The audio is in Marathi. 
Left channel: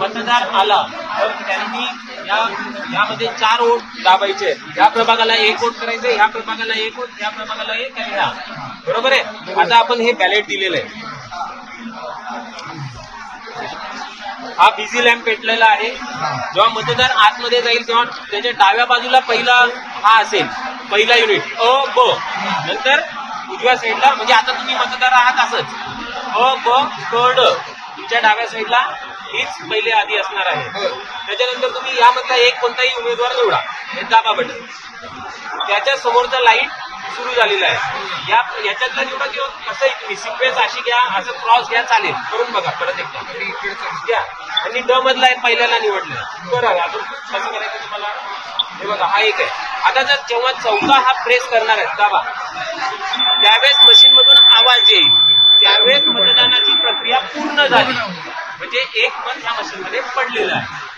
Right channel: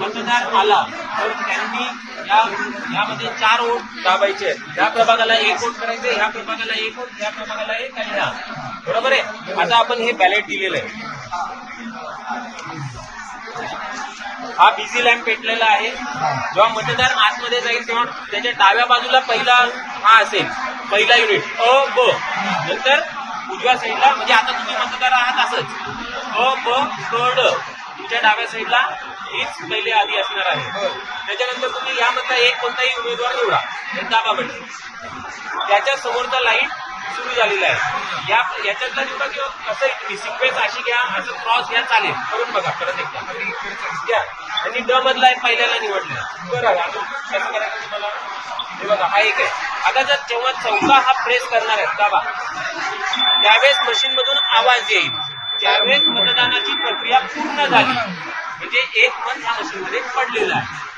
मतदार आला तर त्यांनी यामध्ये 4 वोट दाबायचे आहेत. या प्रभागाला 1 वोट करायचे, ह्या प्रभागाला 1 वोट, ह्या प्रभागाला 1 आणि ह्या. बरोबर आहे. आता आपण हे बॅलेट दिलेलं आहे. हा बिझी लॅम्प पेटलेला आहे. जेव्हा मतदार आतमध्ये जाईल तेव्हा त्याच्या डाव्या बाजूला पहिला हा असेल, पहिला युनिट अ ब. नंतर उजव्या साईडला, म्हणजे आता तुम्ही मतदार आहात असंच अ ब क ड. तुमच्या डाव्या साईडला हीच पहिले आधी असणार आहे. त्याच्यानंतर तुम्ही यामधला एक कोणताही उमेदवार निवडा, हे दाबा बटन. त्याच्या समोरचा लाईट सुरू झालेला आहे. याच्यातला निवडा कसं सिक्वेन्स अशी घ्या, असं क्रॉस घ्या, चालेल. करून बघा परत एकदा घ्या. आणि ड मधला आहे पहिल्याला निवडलं. बरोबर. अजून कसं करायचं तुम्हाला? हे बघा, हा एक आहे. आता जर जेव्हा चौथा हा प्रेस करणार आहे दाबा, त्यावेळेस मशीन मधून आवाज येईल. त्यावेळेस मतदानाची प्रक्रिया पूर्ण झाली, म्हणजे एक मत ह्या मशीनमध्ये पडलेलं आहे.